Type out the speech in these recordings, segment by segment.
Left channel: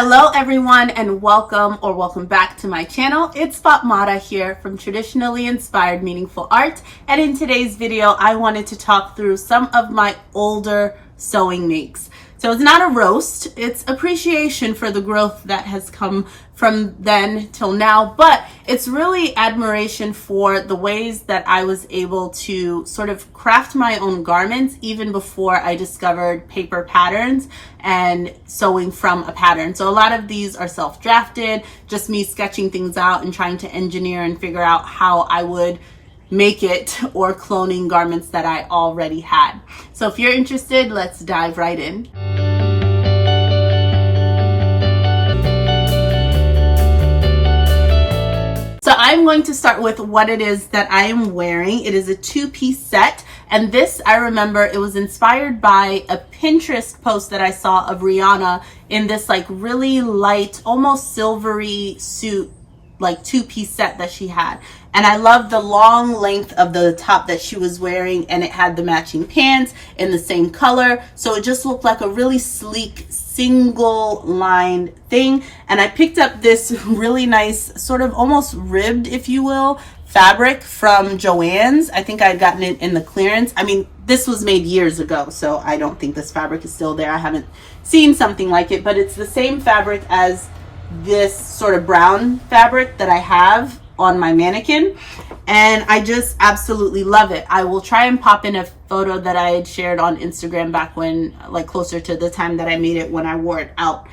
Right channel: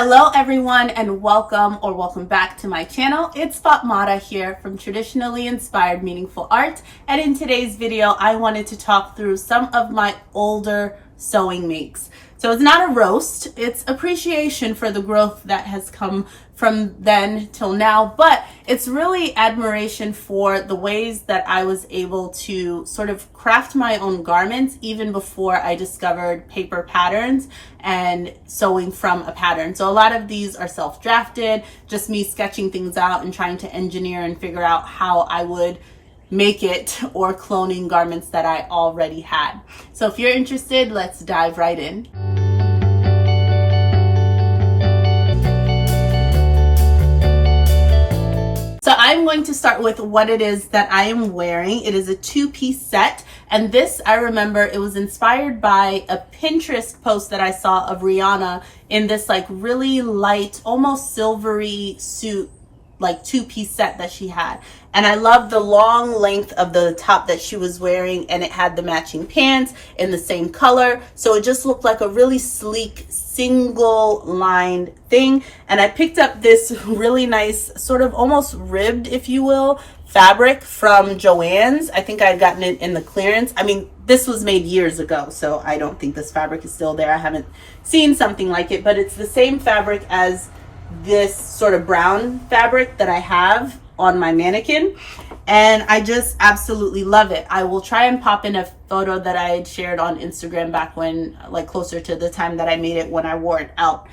Hello everyone and welcome back to my channel. It's Fatmata here from Traditionally Inspired Meaningful Art, and in today's video I wanted to talk through some of my older sewing makes. So it's not a roast, it's appreciation for the growth that has come from then till now, but it's really admiration for the ways that I was able to sort of craft my own garments even before I discovered paper patterns and sewing from a pattern. So a lot of these are self-drafted, just me sketching things out and trying to engineer and figure out how I would make it, or cloning garments that I already had. So if you're interested, let's dive right in. So I'm going to start with what it is that I am wearing. It is a two-piece set, and this, I remember, it was inspired by a Pinterest post that I saw of Rihanna in this like really light, almost silvery suit, like two-piece set that she had. And I loved the long length of the top that she was wearing, and it had the matching pants in the same color, so it just looked like a really sleek single lined thing. And I picked up this really nice sort of almost ribbed, if you will, fabric from Joann's. I think I had gotten it in the clearance. I mean, this was made years ago, so I don't think this fabric is still there. I haven't seen something like it, but it's the same fabric as this sort of brown fabric that I have on my mannequin, and I just absolutely love it. I will try and pop in a photo that I had shared on Instagram back when, like closer to the time that I made it, when I wore it out.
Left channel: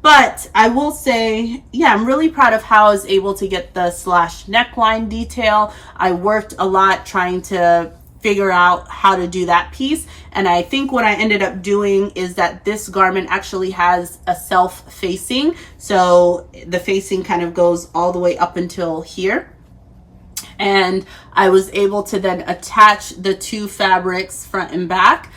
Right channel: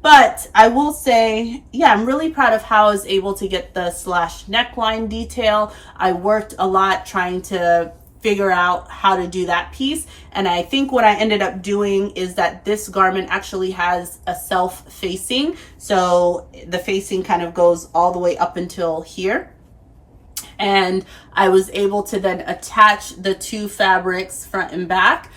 But I will say, yeah, I'm really proud of how I was able to get the slash neckline detail. I worked a lot trying to figure out how to do that piece, and I think what I ended up doing is that this garment actually has a self-facing, so the facing kind of goes all the way up until here, and I was able to then attach the two fabrics front and back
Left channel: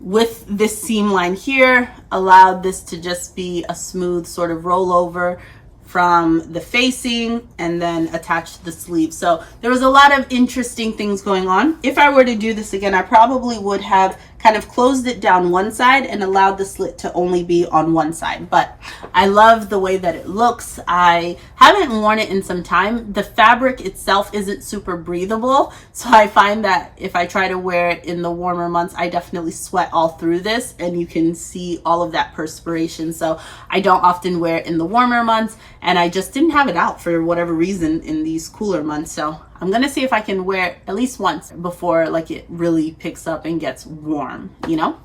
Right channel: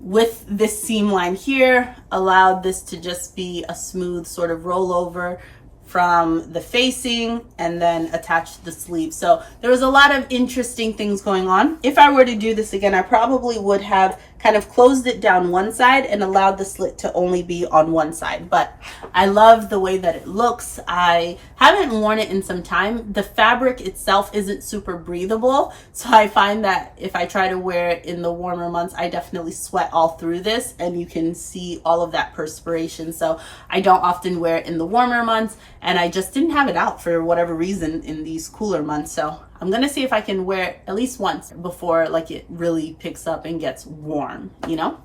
with this seam line here, allowed this to just be a smooth sort of rollover from the facing, and then attach the sleeve. So there was a lot of interesting things going on. If I were to do this again, I probably would have kind of closed it down one side and allowed the slit to only be on one side, but I love the way that it looks. I haven't worn it in some time. The fabric itself isn't super breathable, so I find that if I try to wear it in the warmer months, I definitely sweat all through this, and you can see all of that perspiration. So I don't often wear it in the warmer months, and I just didn't have it out for whatever reason in these cooler months. So I'm gonna see if I can wear it at least once before like it really picks up and gets warm, you know?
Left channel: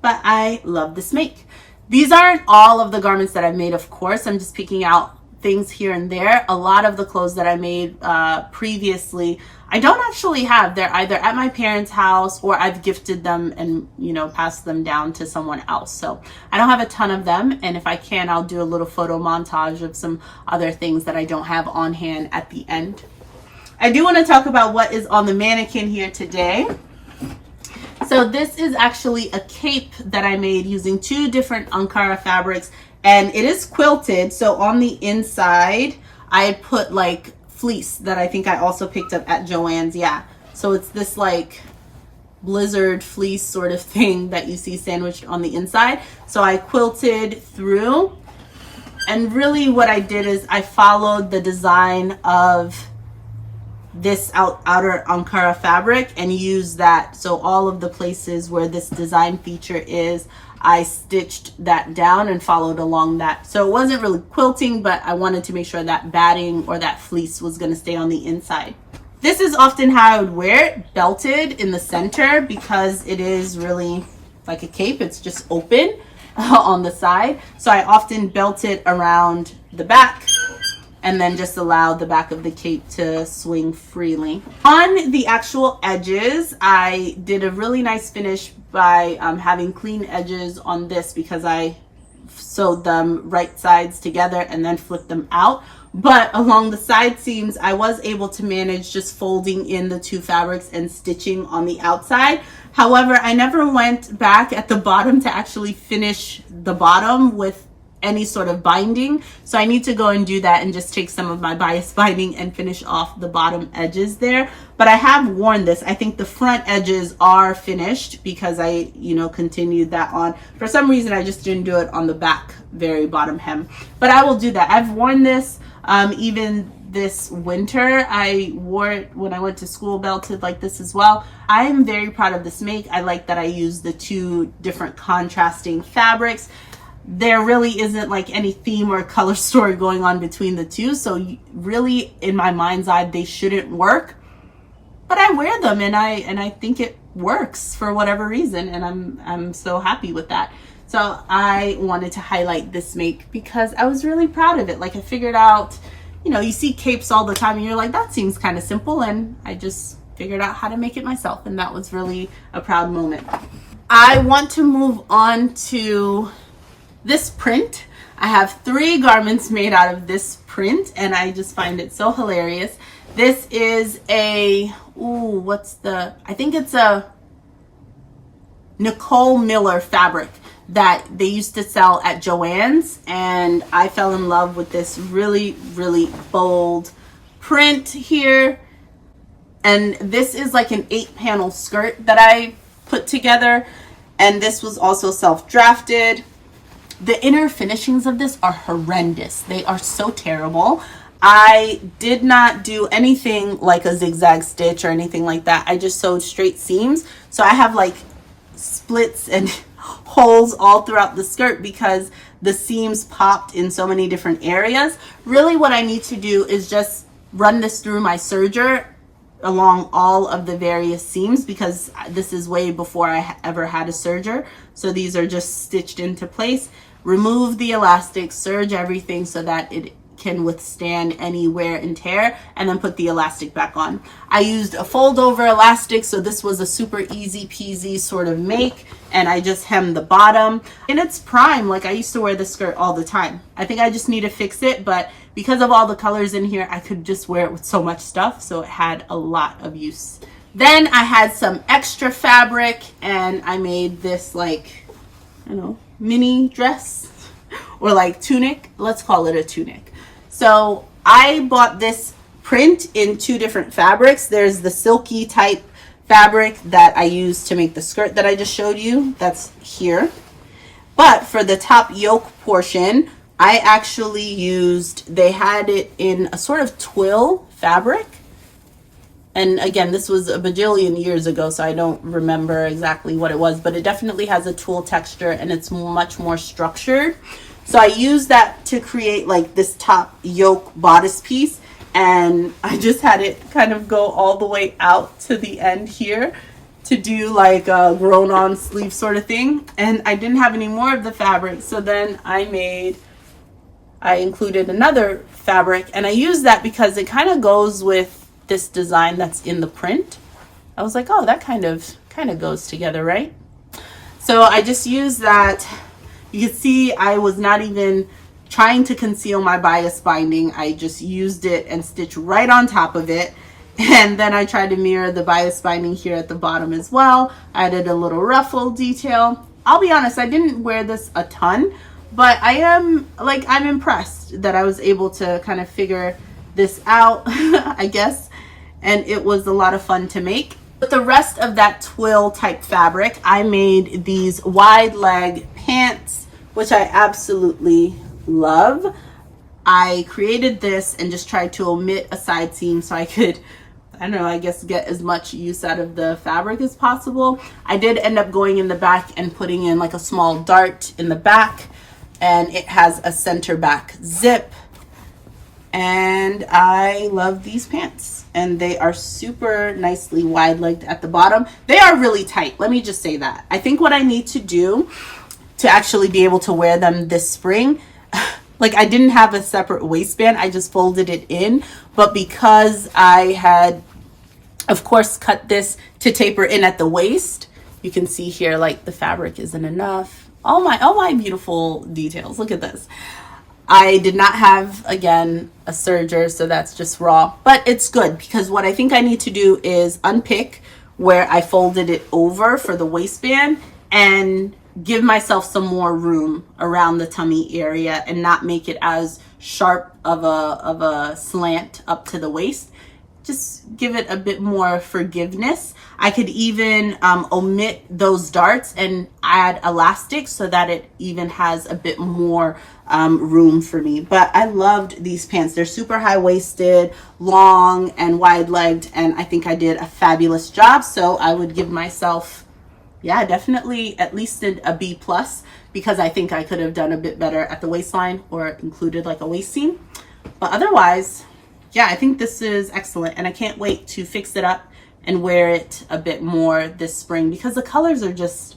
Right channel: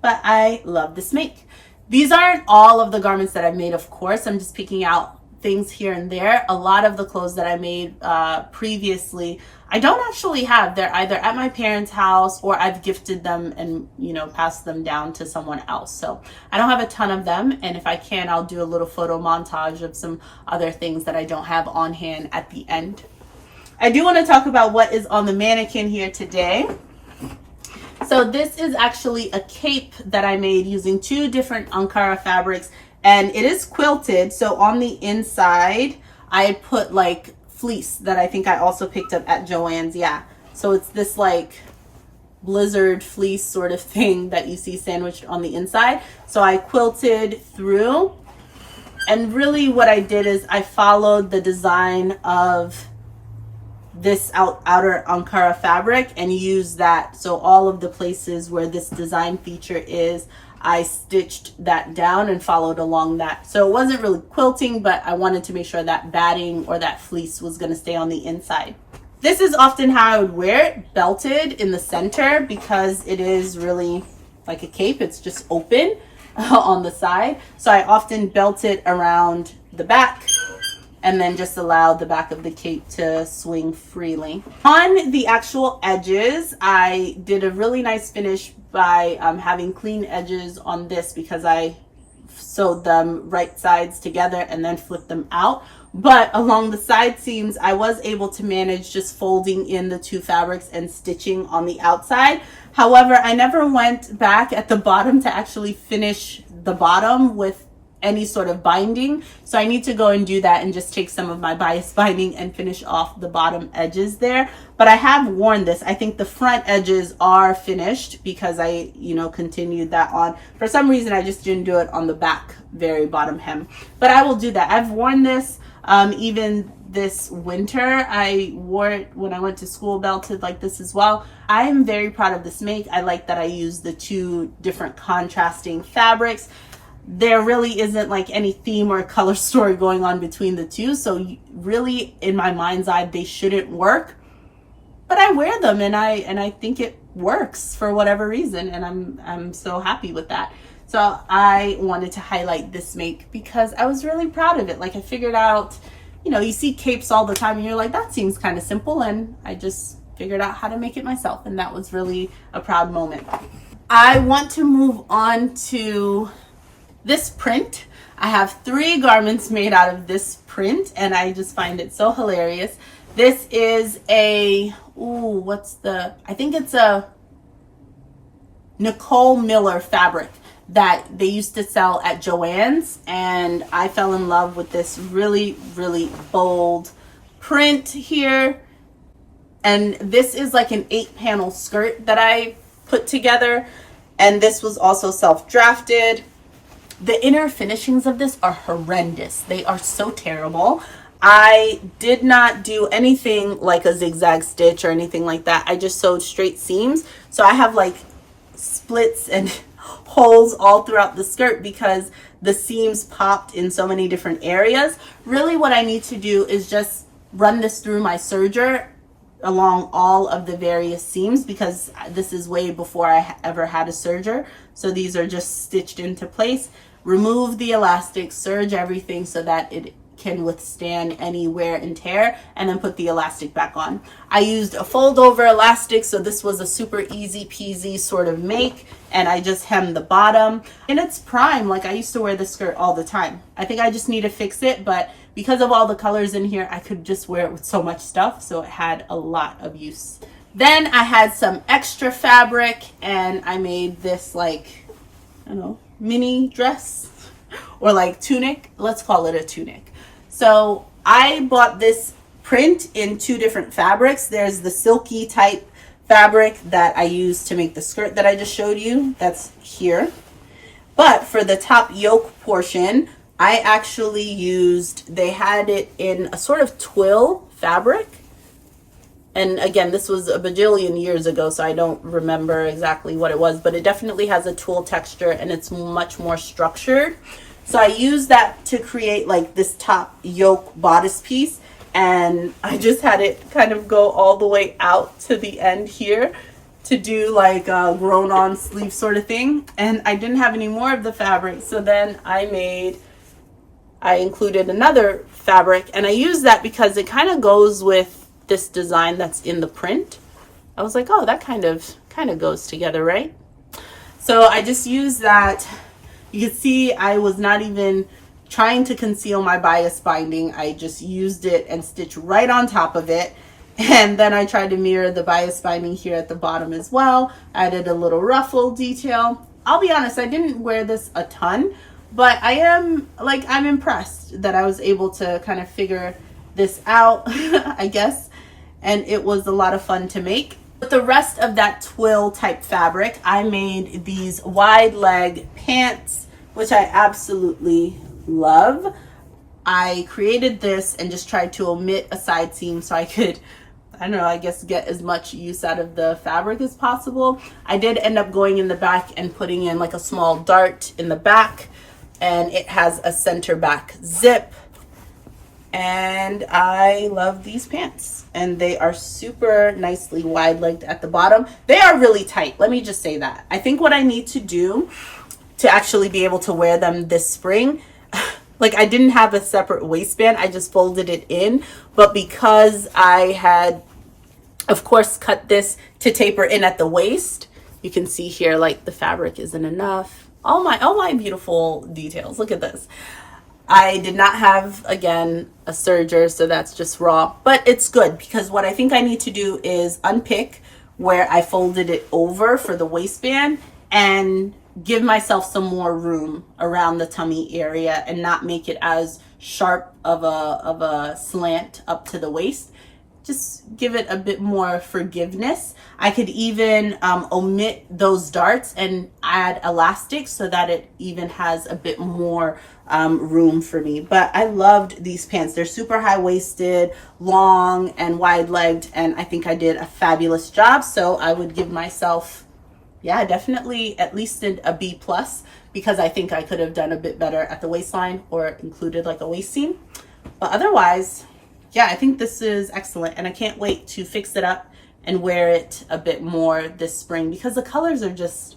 But I love this make. These aren't all of the garments that I've made, of course. I'm just picking out things here and there. A lot of the clothes that I made previously, I don't actually have. They're either at my parents' house or I've gifted them and, you know, passed them down to someone else. So I don't have a ton of them, and if I can, I'll do a little photo montage of some other things that I don't have on hand at the end. I do want to talk about what is on the mannequin here today. So this is actually a cape that I made using two different Ankara fabrics, and it is quilted. So on the inside, I had put like fleece that I think I also picked up at Joann's. Yeah, so it's this like blizzard fleece sort of thing that you see sandwiched on the inside. So I quilted through, and really what I did is I followed the design of this outer Ankara fabric and use that. So all of the places where this design feature is, I stitched that down and followed along that. So it wasn't really quilting, but I wanted to make sure that batting or that fleece was going to stay on the inside. This is often how I would wear it, belted in the center, because it is really like a cape. It's just open on the side. So I often belt it around the back and then just allow the back of the cape to swing freely. On the actual edges, I did a really nice finish by having clean edges on this, because I sewed them right sides together and then flipped them out. But along the side seams, I was able to manage just folding in the two fabrics and stitching on the outside. However, I never went back at the bottom to actually finish the bottom with any sort of binding. So I need to go and do that and just take some of my bias binding and finish off the bottom edges there. But I have worn this. I think the front edges are finished because I, you know, continued that on. For some reason, I just didn't do it on the back very bottom hem. But I will do that. I've worn this even this winter. I wore it when I went to school, belted like this as well. I am very proud of this make. I like that I used the two different contrasting fabrics. There really isn't like any theme or color story going on between the two. So really, in my mind's eye, they shouldn't work. But I wear them and I think it works for whatever reason. And I'm so happy with that. So I wanted to highlight this make because I was really proud of it. Like I figured out, you know, you see capes all the time and you're like, that seems kind of simple. And I just figured out how to make it myself. And that was really a proud moment. I want to move on to this print. I have 3 garments made out of this print and I just find it so hilarious. This is a, I think it's a Nicole Miller fabric that they used to sell at Joann's, and I fell in love with this really, really bold print here. And this is like an 8-panel skirt that I put together, and this was also self-drafted. The inner finishings of this are horrendous. They are so terrible. I did not do anything like a zigzag stitch or anything like that. I just sewed straight seams. So I have like splits and holes all throughout the skirt because the seams popped in so many different areas. Really what I need to do is just run this through my serger along all of the various seams because this is way before I ever had a serger. So these are just stitched into place. Remove the elastic, serge everything so that it can withstand any wear and tear, and then put the elastic back on. I used a fold over elastic, so this was a super easy peasy sort of make, and I just hemmed the bottom. And it's prime, like I used to wear this skirt all the time. I think I just need to fix it, but because of all the colors in here, I could just wear it with so much stuff, so it had a lot of use. Then I had some extra fabric, and I made this like, I don't know, mini dress or like tunic. Let's call it a tunic. So I bought this print in 2 different fabrics. There's the silky type fabric that I used to make the skirt that I just showed you. That's here. But for the top yoke portion, I actually used, they had it in a sort of twill fabric. And again, this was a bajillion years ago, so I don't remember exactly what it was, but it definitely has a twill texture and it's much more structured. So I used that to create like this top yoke bodice piece, and I just had it kind of go all the way out to the end here to do like a grown on sleeve sort of thing. And I didn't have any more of the fabric, so then I included another fabric, and I used that because it kind of goes with this design that's in the print. I was like, oh, that kind of goes together, right? So I just used that. You can see I was not even trying to conceal my bias binding. I just used it and stitched right on top of it. And then I tried to mirror the bias binding here at the bottom as well. I added a little ruffle detail. I'll be honest, I didn't wear this a ton, but I'm impressed that I was able to kind of figure this out, I guess. And it was a lot of fun to make. With the rest of that twill type fabric, I made these wide leg pants, which I absolutely love. I created this and just tried to omit a side seam so I could, I don't know, I guess get as much use out of the fabric as possible. I did end up going in the back and putting in like a small dart in the back, and it has a center back zip. And I love these pants, and they are super nicely wide legged at the bottom. They are really tight, let me just say that. I think what I need to do to actually be able to wear them this spring, like I didn't have a separate waistband, I just folded it in. But because I had, of course, cut this to taper in at the waist, you can see here like the fabric isn't enough. All my beautiful details, look at this. I did not have, again, a serger, so that's just raw, but it's good because what I think I need to do is unpick where I folded it over for the waistband and give myself some more room around the tummy area and not make it as sharp of a slant up to the waist. Just give it a bit more forgiveness. I could even omit those darts and add elastic so that it even has a bit more room for me. But I loved these pants. They're super high-waisted, long and wide-legged, and I think I did a fabulous job. So I would give myself, yeah, definitely at least a B+, because I think I could have done a bit better at the waistline or included like a waist seam. But otherwise, yeah, I think this is excellent, and I can't wait to fix it up and wear it a bit more this spring, because the colors are just,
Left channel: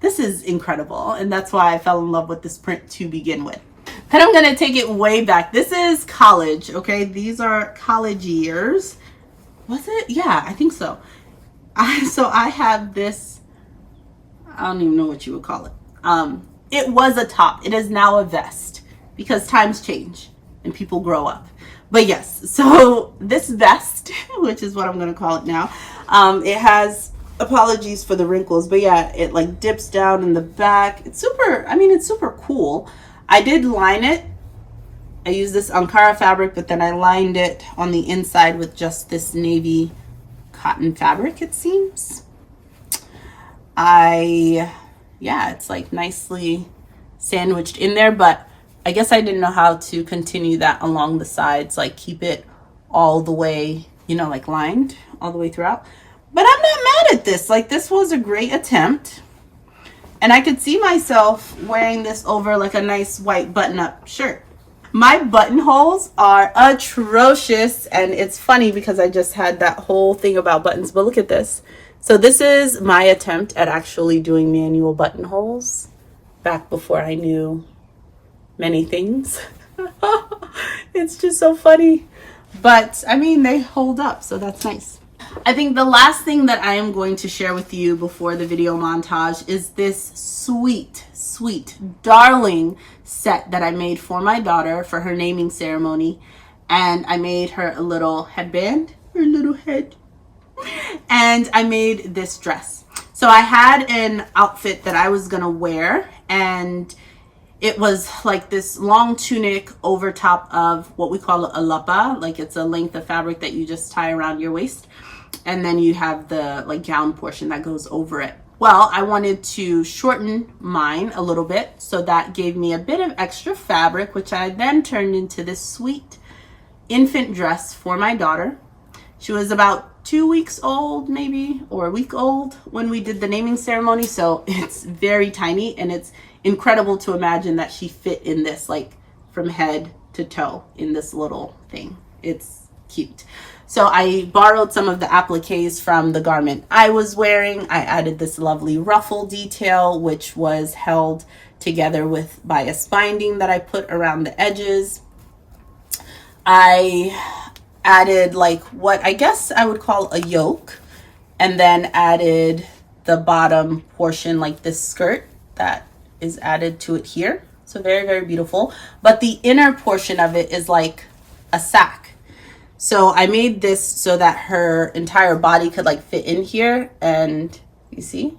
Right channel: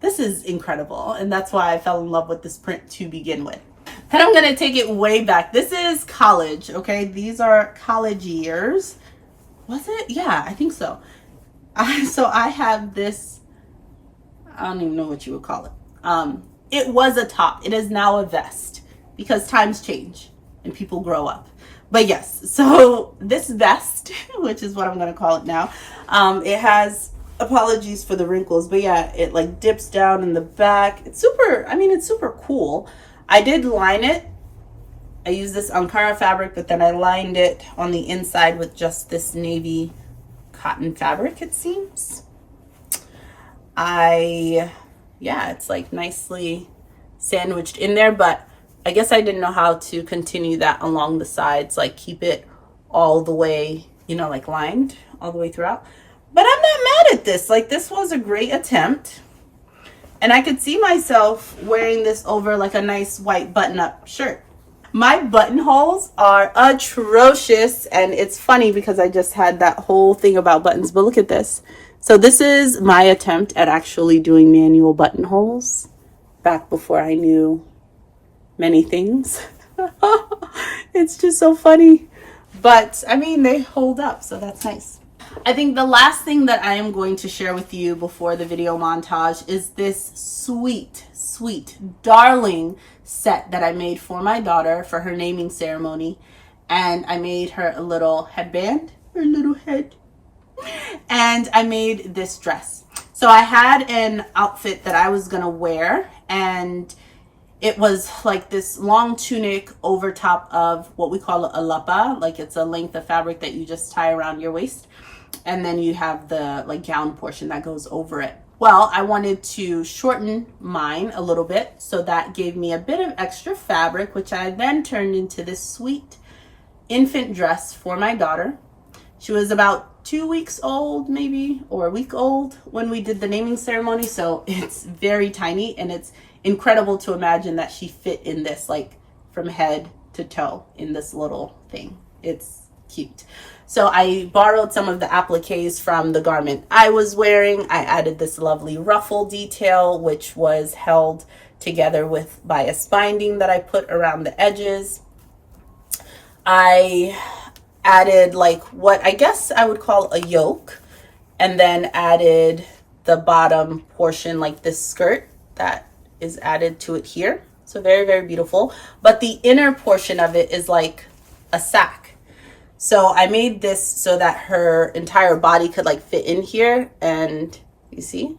this is incredible, and that's why I fell in love with this print to begin with. Then I'm gonna take it way back. This is college, okay? These are college years. Was it? Yeah, I think so. So I have this, I don't even know what you would call it. It was a top. It is now a vest, because times change and people grow up. But yes, so this vest, which is what I'm going to call it now, it has, apologies for the wrinkles, but yeah, it like dips down in the back. It's super, I mean, it's super cool. I did line it. I used this Ankara fabric, but then I lined it on the inside with just this navy cotton fabric, it seems. Yeah, it's like nicely sandwiched in there, but I guess I didn't know how to continue that along the sides, like keep it all the way, you know, like lined all the way throughout. But I'm not mad at this. Like, this was a great attempt. And I could see myself wearing this over like a nice white button-up shirt. My buttonholes are atrocious, and it's funny because I just had that whole thing about buttons, but look at this. So this is my attempt at actually doing manual buttonholes back before I knew many things. It's just so funny, but I mean, they hold up, so that's nice. I think the last thing that I am going to share with you before the video montage is this sweet, sweet, darling set that I made for my daughter for her naming ceremony. And I made her a little headband, her little head, and I made this dress. So I had an outfit that I was gonna wear, and it was like this long tunic over top of what we call a lapa. Like, it's a length of fabric that you just tie around your waist. And then you have the like gown portion that goes over it. Well, I wanted to shorten mine a little bit, so that gave me a bit of extra fabric, which I then turned into this sweet infant dress for my daughter. She was about 2 weeks old, maybe, or a week old when we did the naming ceremony. So it's very tiny, and it's incredible to imagine that she fit in this, like from head to toe in this little thing. It's cute. So I borrowed some of the appliques from the garment I was wearing. I added this lovely ruffle detail, which was held together by a spinding that I put around the edges. I added like what I guess I would call a yoke, and then added the bottom portion, like this skirt that is added to it here. So very, very beautiful. But the inner portion of it is like a sack. So I made this so that her entire body could like fit in here, and you see,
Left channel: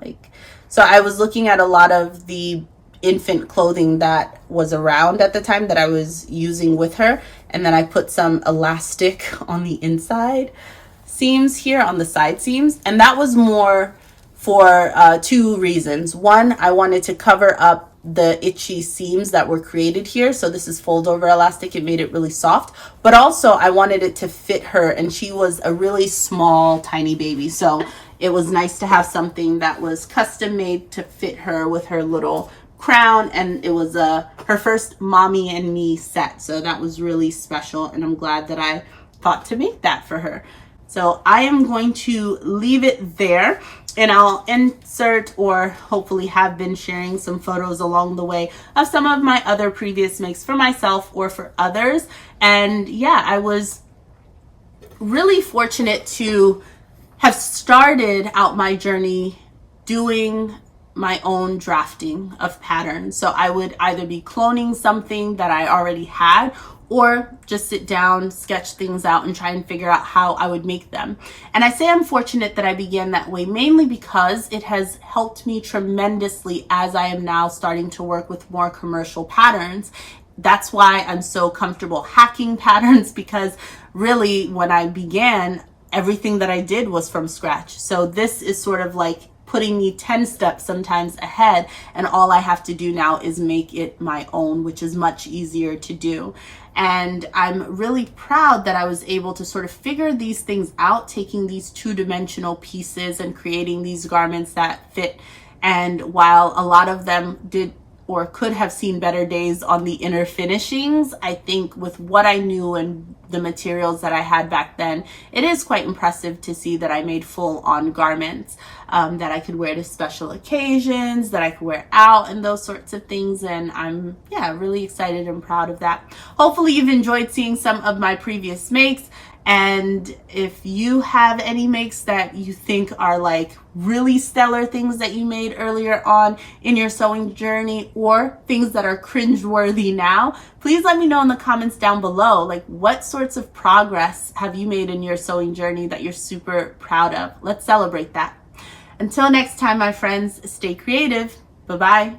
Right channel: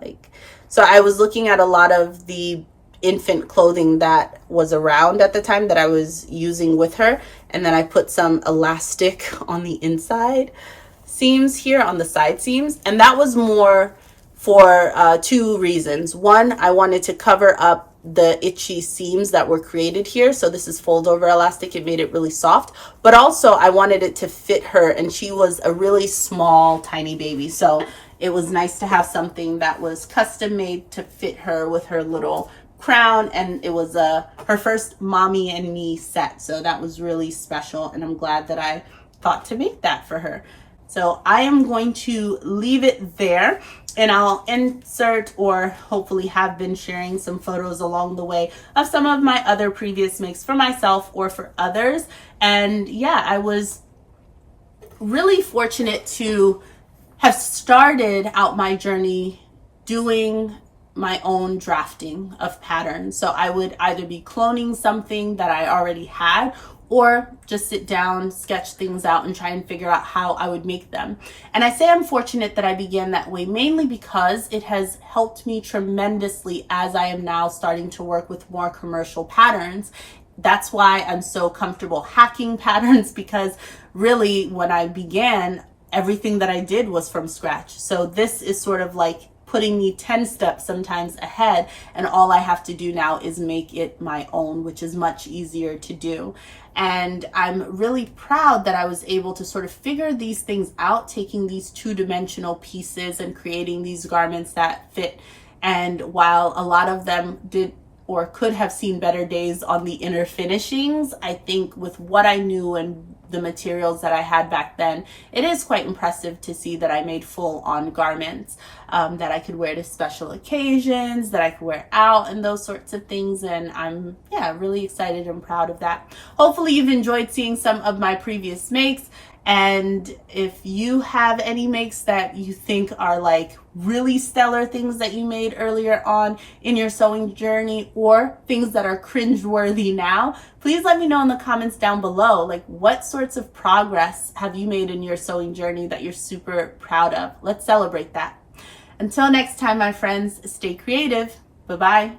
like, so I was looking at a lot of the infant clothing that was around at the time that I was using with her, and then I put some elastic on the inside seams here, on the side seams, and that was more for two reasons. One, I wanted to cover up the itchy seams that were created here. So this is fold over elastic. It made it really soft, but also I wanted it to fit her, and she was a really small, tiny baby. So it was nice to have something that was custom made to fit her with her little crown. And it was her first mommy and me set. So that was really special, and I'm glad that I thought to make that for her. So I am going to leave it there, and I'll insert, or hopefully have been sharing, some photos along the way of some of my other previous makes for myself or for others. And yeah, I was really fortunate to have started out my journey doing my own drafting of patterns. So I would either be cloning something that I already had, or just sit down, sketch things out, and try and figure out how I would make them. And I say I'm fortunate that I began that way, mainly because it has helped me tremendously as I am now starting to work with more commercial patterns. That's why I'm so comfortable hacking patterns, because really when I began, everything that I did was from scratch. So this is sort of like putting me 10 steps sometimes ahead, and all I have to do now is make it my own, which is much easier to do. And I'm really proud that I was able to sort of figure these things out, taking these two-dimensional pieces and creating these garments that fit. And while a lot of them did or could have seen better days on the inner finishings, I think with what I knew and the materials that I had back then, it is quite impressive to see that I made full-on garments that I could wear to special occasions, that I could wear out, and those sorts of things. And I'm really excited and proud of that. Hopefully you've enjoyed seeing some of my previous makes. And if you have any makes that you think are like really stellar things that you made earlier on in your sewing journey, or things that are cringeworthy now, please let me know in the comments down below. Like, what sorts of progress have you made in your sewing journey that you're super proud of? Let's celebrate that. Until next time, my friends, stay creative. Bye-bye.